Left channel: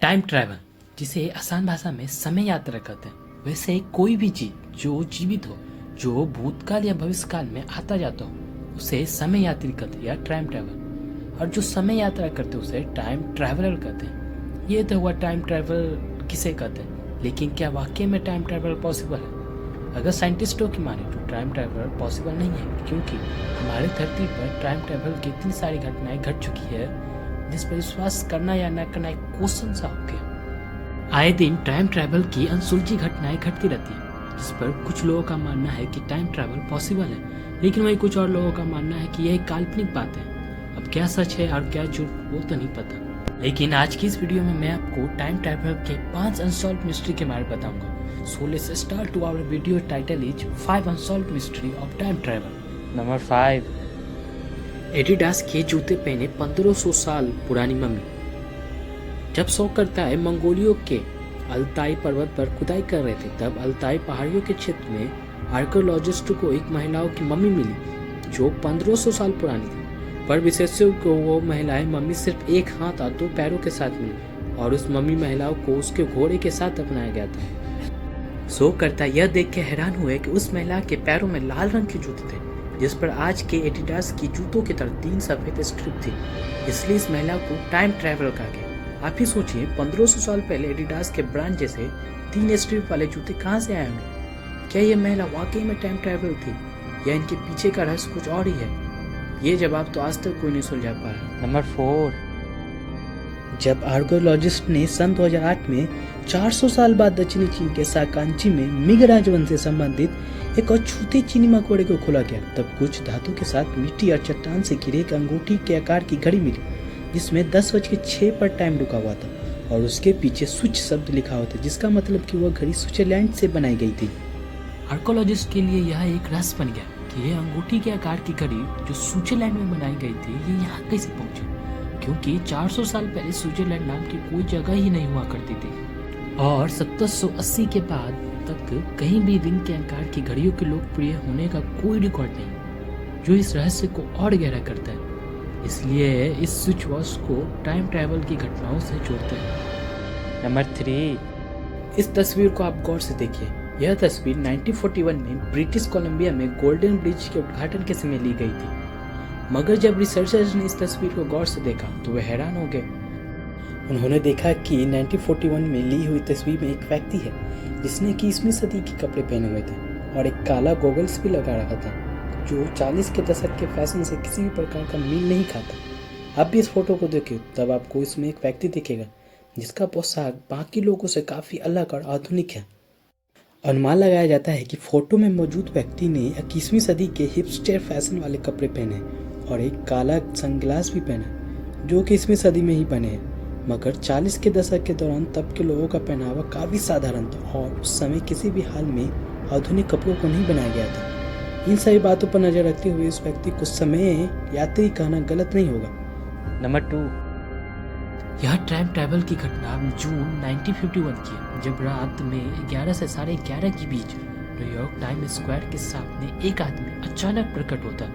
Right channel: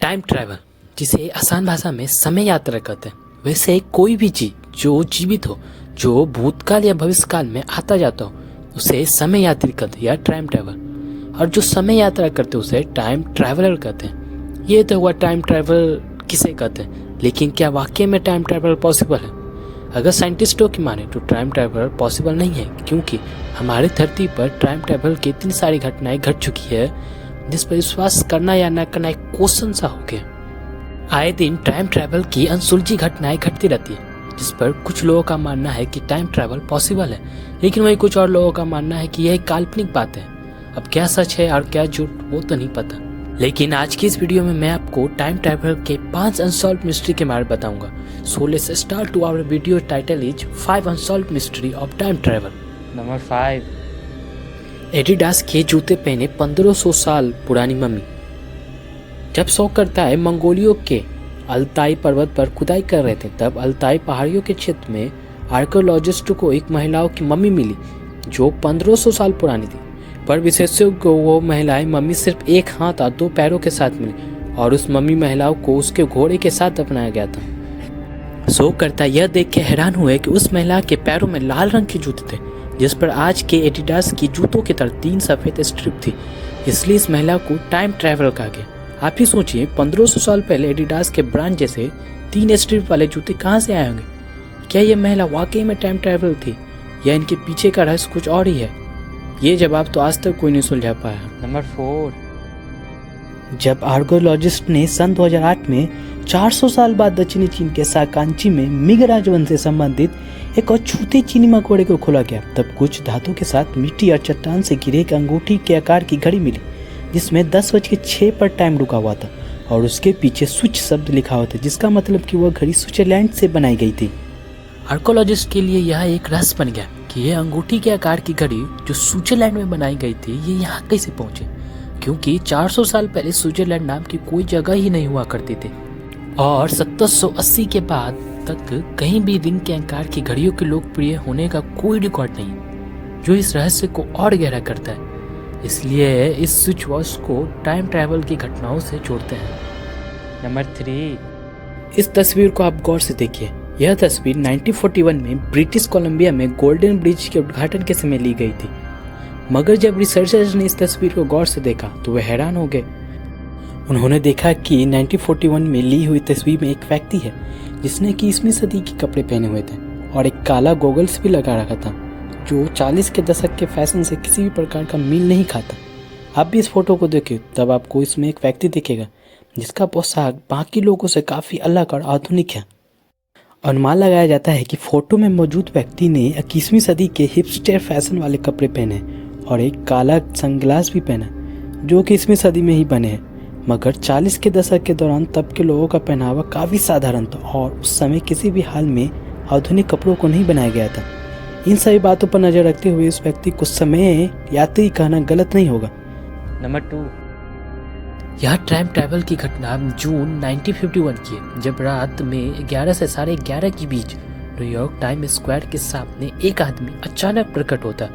Time travel, जिसे आसान भाषा में समय यात्रा कहते हैं। वैसे कोई भी चीज जो जीवित हो, जो भूतकाल या भविष्यकाल में आता जाता हो, उसे समय यात्री कहते हैं या टाइम ट्रैवल। और जो समय यात्रा करते हैं उसे टाइम ट्रैवलर कहते हैं। ये तो हुआ टाइम ट्रैवल किसे कहते हैं, लेकिन क्या वाकई में टाइम ट्रैवल पॉसिबल है? अगर साइंटिस्टों की माने तो टाइम ट्रैवल पॉसिबल नहीं है, क्योंकि हमारी धरती पर टाइम ट्रैवल की इतनी सारी घटनाएं घट चुकी है जिस पर विश्वास करना या न करना एक क्वेश्चन सा हो गया। आए दिन टाइम ट्रैवल की अनसुलझी घटनाएं घटती रहती है, जिस पर कुछ लोगों का मानना है कि टाइम ट्रैवल पॉसिबल है, लेकिन वहीं कुछ और लोगों का मानना है कि यह एक काल्पनिक बात है। अब क्या सच है और क्या झूठ वो तो नहीं पता, लेकिन आज की इस वीडियो में मैं आपको टाइम ट्रैवल के 5 अनसॉल्व्ड मिस्ट्री के बारे में बताऊंगा। So let's start to our video title is 5 unsolved mystery of time travel. Number 5। Adidas के जूते पहने 1500 साल पुरानी मम्मी। जब शौक करता है मंगोलियों के अल्ताई पर्वत पर खुदाई कर रहे थे, तब अल्ताई पहाड़ियों के क्षेत्र में आर्कियोलॉजिस्ट को एक महिलाओं की मम्मी मिली जो 1500 साल पुरानी थी। पर विशेषज्ञों को वो महिलाएं मम्मी सिर्फ एक हाथ और 2 पैरों के साथ मिली, और उस मम्मी महिलाओं को उसके घोड़े के साथ अपनाया गया था। शोधकर्ता यह देख के हैरान हुए कि उस महिला के पैरों में लाल रंग के जूते थे, जिस पर आज के एडिडास की जूतों की तरह 3 सफेद स्ट्रिप थी। इसलिए इस महिला को टाइम ट्रैवल कहा गया। आप ही सोचिए, 1500 साल पहले एडिडास के ब्रांड जैसे 3 स्ट्रिप वाले जूते कहाँ से आए होंगे? क्या यह महिला वाकई में टाइम ट्रैवल थी, या इनके पीछे का रहस्य कुछ और ही है? ये जवाब तो आज तक कोई नहीं सुलझा पाया। नंबर 4। जब आर्कियोलॉजिस्ट ने सन 2008 में 400 साल बाद दक्षिणी चीन के साकांची में मिंग राजवंश से संबंधित एक अछूते चीनी मकोड़े को खोला गया, तब कुछ धातु के साथ मिट्टी और चट्टान से घिरे एक अंगूठी के आकार की घड़ी मिली, जिसमें 10:06 पर टाइम रुका हुआ था और उसके पीछे स्विच शब्द लिखा हुआ था, जिसका मतलब कि वह घड़ी स्विट्जरलैंड से बनाई गई थी। आर्कियोलॉजिस्ट के लिए यह एक रहस्य बन गया कि यह अंगूठी के आकार की घड़ी जो स्विट्जरलैंड में बनाई गई थी, ये यहाँ कैसे पहुंची, क्योंकि 400 साल पहले स्विट्जरलैंड नाम की कोई जगह ही नहीं हुआ करती थी, और 1780 के बाद तक कहीं भी रिंग के आकार की घड़ियों के लोकप्रिय होने का कोई रिकॉर्ड नहीं, जो इस रहस्य को और गहरा करता है। इसलिए इस स्विच वॉच को टाइम ट्रैवल की घटनाओं से जोड़ते हैं। नंबर 3। इस तस्वीर को आप गौर से देखिए। यह तस्वीर 1941 में ब्रिटिश कोलंबिया में गोल्डन ब्रिज के उद्घाटन के समय ली गई थी, मगर जब रिसर्चर्स ने इस तस्वीर को गौर से देखा तो वे हैरान हो गए। उन्होंने देखा कि 1941 में ली हुई तस्वीर में एक व्यक्ति है जिसने 21वीं सदी के कपड़े पहने हुए थे और एक काला गॉगल्स भी लगा रखा था, जो 40 के दशक के फैशन से किसी भी प्रकार का मेल नहीं खाता। आप भी इस फोटो को देखिए, तब आपको इसमें एक व्यक्ति दिखेगा जिसका पोशाक बाकी लोगों से काफ़ी अलग और आधुनिक है। अनुमान लगाया जाता है कि फोटो में मौजूद व्यक्ति ने 21वीं सदी के हिपस्टर फैशन वाले कपड़े पहने और एक काला सनग्लास भी पहना, जो कि 21वीं सदी में ही बने हैं। मगर 40 के दशक के दौरान तब के लोगों का पहनावा काफ़ी साधारण था और उस समय किसी भी हाल में आधुनिक कपड़ों को नहीं बनाया गया था। इन सभी बातों पर नजर रखते हुए इस व्यक्ति को समय यात्री कहना गलत नहीं होगा। नंबर 2। यह टाइम ट्रैवल की घटना जून 1951 की है, जब रात में 11 से 11:30 के बीच न्यूयॉर्क टाइम स्क्वायर के सामने एक आदमी अचानक प्रकट होता।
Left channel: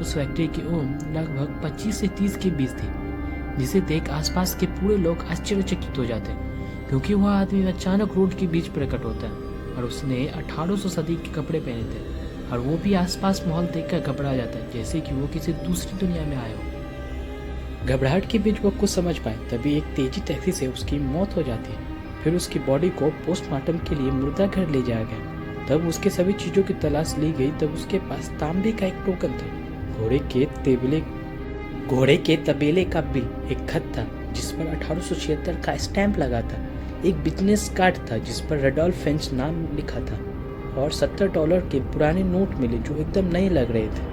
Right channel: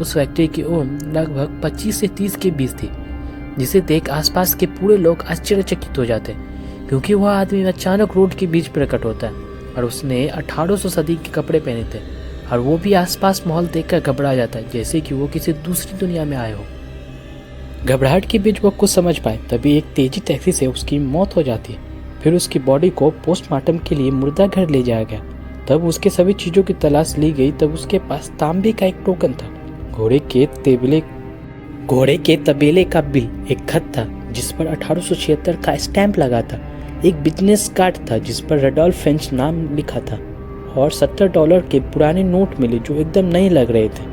उस व्यक्ति की उम्र लगभग 25 से 30 के बीच थी, जिसे देख आसपास के पूरे लोग आश्चर्यचकित हो जाते, क्योंकि वह आदमी अचानक रोड के बीच प्रकट होता है और उसने 1800 सदी के कपड़े पहने थे, और वो भी आसपास माहौल देखकर घबरा जाता है, जैसे कि वो किसी दूसरी दुनिया में आए हो। घबराहट के बीच वो कुछ समझ पाए, तभी एक तेजी टैक्सी से उसकी मौत हो जाती है। फिर उसकी बॉडी को पोस्टमार्टम के लिए मुर्दा घर ले जाया गया। तब उसके सभी चीज़ों की तलाश ली गई, तब उसके पास तांबे का एक टोकन था, घोड़े के तबेले का बिल, एक खत था जिस पर 1876 का स्टैंप लगा था, एक बिजनेस कार्ड था जिस पर रेडोल्फ फिंच नाम लिखा था, और $70 के पुराने नोट मिले जो एकदम नए लग रहे थे।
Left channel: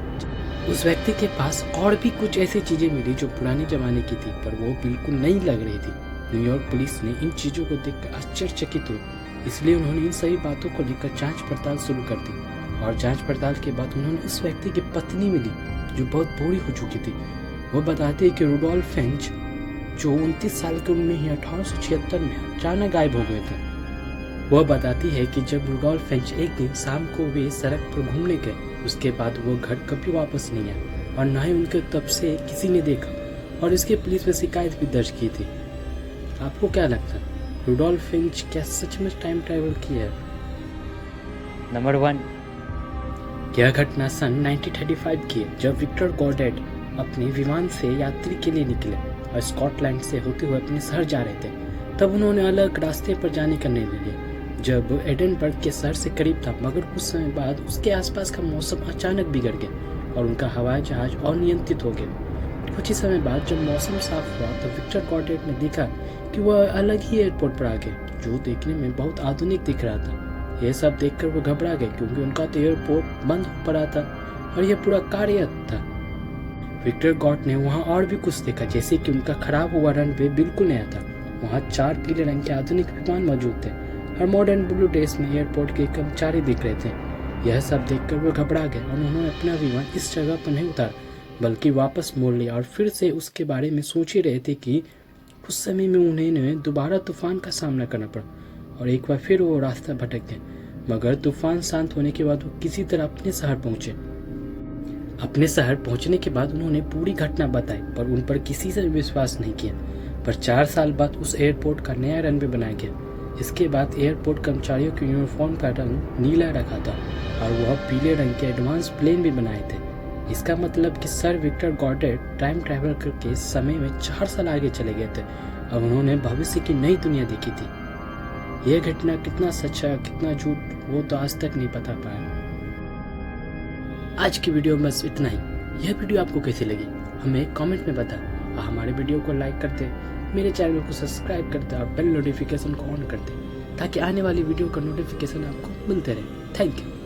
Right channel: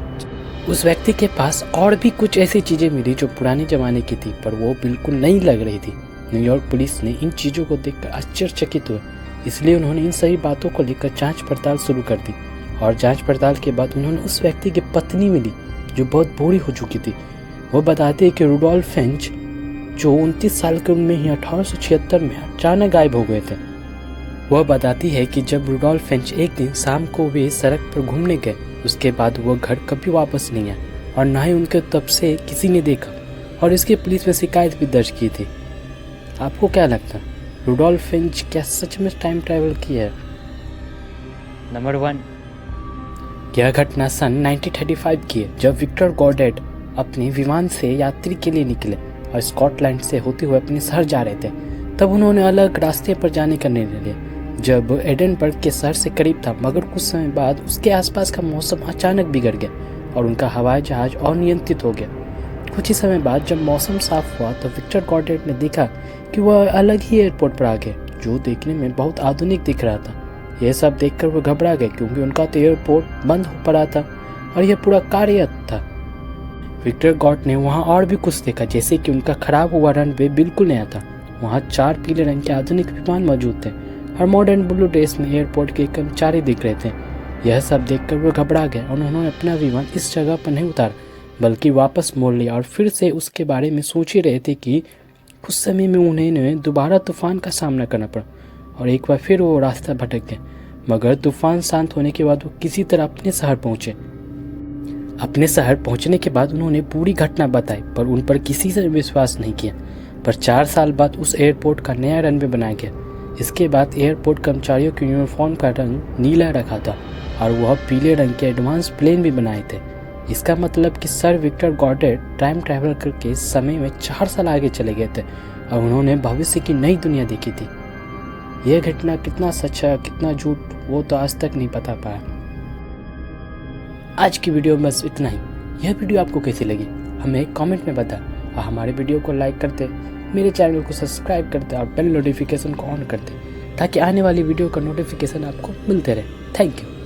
उस व्यक्ति के पास और भी कुछ ऐसी चीजें मिली जो पुराने जमाने की थी, पर वो बिल्कुल नई लग रही थी। न्यूयॉर्क पुलिस ने इन चीजों को देखकर आश्चर्यचकित हुए, इसलिए उन्होंने इन सभी बातों को लेकर जांच पड़ताल शुरू कर दी, और जांच पड़ताल के बाद उन्होंने उस व्यक्ति की पत्नी मिली जो बहुत बूढ़ी हो चुकी थी। वो बताते हैं कि रुडोल्फ फिंच, जो 29 साल की उम्र में ही 1876 में अचानक गायब हो गए थे। वह बताती है कि जब रुडोल्फ फिंच एक दिन शाम को वे सड़क पर घूमने गए, उसके बाद वह घर कभी वापस नहीं आए और न ही उनके तब से किसी ने देखा, और इसकी पुलिस में शिकायत भी दर्ज की थी। आपको क्या लगता है, रुडोल्फ फिंच क्या सच में टाइम ट्रैवल किया है? नंबर 1, यह घटना सन 1935 की है, जब विक्टर गॉडेट अपने विमान से यात्री के लिए निकले और स्कॉटलैंड से होते हुए अपने शहर जा रहे थे। तब उन्होंने अलग रास्ते पर जाने का निर्णय लिया। जब एडनबर्ग के शहर से करीब था, मगर कुछ समय बाद उसके आसपास का मौसम अचानक बिगड़ गया और उनका हवाई जहाज अनियंत्रित हो गया। कुछ ही समय बाद जब मौसम साफ हुआ तो विक्टर गॉडेट ने देखा कि वह अलग ही एयरपोर्ट पर आ गए, जो देखने में बहुत आधुनिक दिख रहा था। यह सब देखकर वो घबरा गए, क्योंकि उनका तो एयरपोर्ट बंद हो पड़ा था और यह पूरा कार्यरत था। विक्टर गॉड ने वहाँ और भी कुछ देखा, जैसे कि उनका खराब हुआ रनवे बिल्कुल नया था। वहाँ 4 पीले रंग के आधुनिक विमान मौजूद थे और मॉडर्न ब्लू ड्रेस में एयरपोर्ट के कर्मचारी दिख रहे थे। यह सब देखकर वो घबरा गए और उन्होंने अपना विमान इस जगह पर नहीं उतारा, बल्कि वापस मोड़ लिया और फिर से उसके बारे में सोच ही रहे थे कि कुछ समय में उन्हें दोबारा तूफान का सामना करना पड़ा और एक बार फिर वो रास्ता भटक गए। मगर तूफान शांत होने के बाद वो किसी तरह अपने शहर पहुंचे। अपने शहर पहुंचने के बाद उन्होंने पूरी घटना बताई, पर उन पर किसी से विश्वास नहीं किया। पर 4 साल बाद उस एयरपोर्ट का नया रनवे बनाया गया। इसके बाद एयरपोर्ट कर्मचारियों के यूनिफॉर्म का रंग नीला रखा था और वह पीले रंग के एडवांस प्लेन भी बनाए थे। इसका मतलब कि सर विक्टर गॉडेट टाइम ट्रैवल करके समय में 4 साल आगे चले गए थे और उन्होंने भविष्य की नई दुनिया देखी थी। यह घटना कितना सच है कितना झूठ, वो तो आज तक नहीं पता पाया। आज की वीडियो में बस इतना ही। यह वीडियो आपको कैसी लगी हमें कमेंट में बताएं और हमारे वीडियो को लाइक करते, मेरे चैनल को सब्सक्राइब करते और बेल नोटिफिकेशन को ऑन करते, ताकि आने वाली वीडियो का नोटिफिकेशन आपको मिलते रहे। Thank you.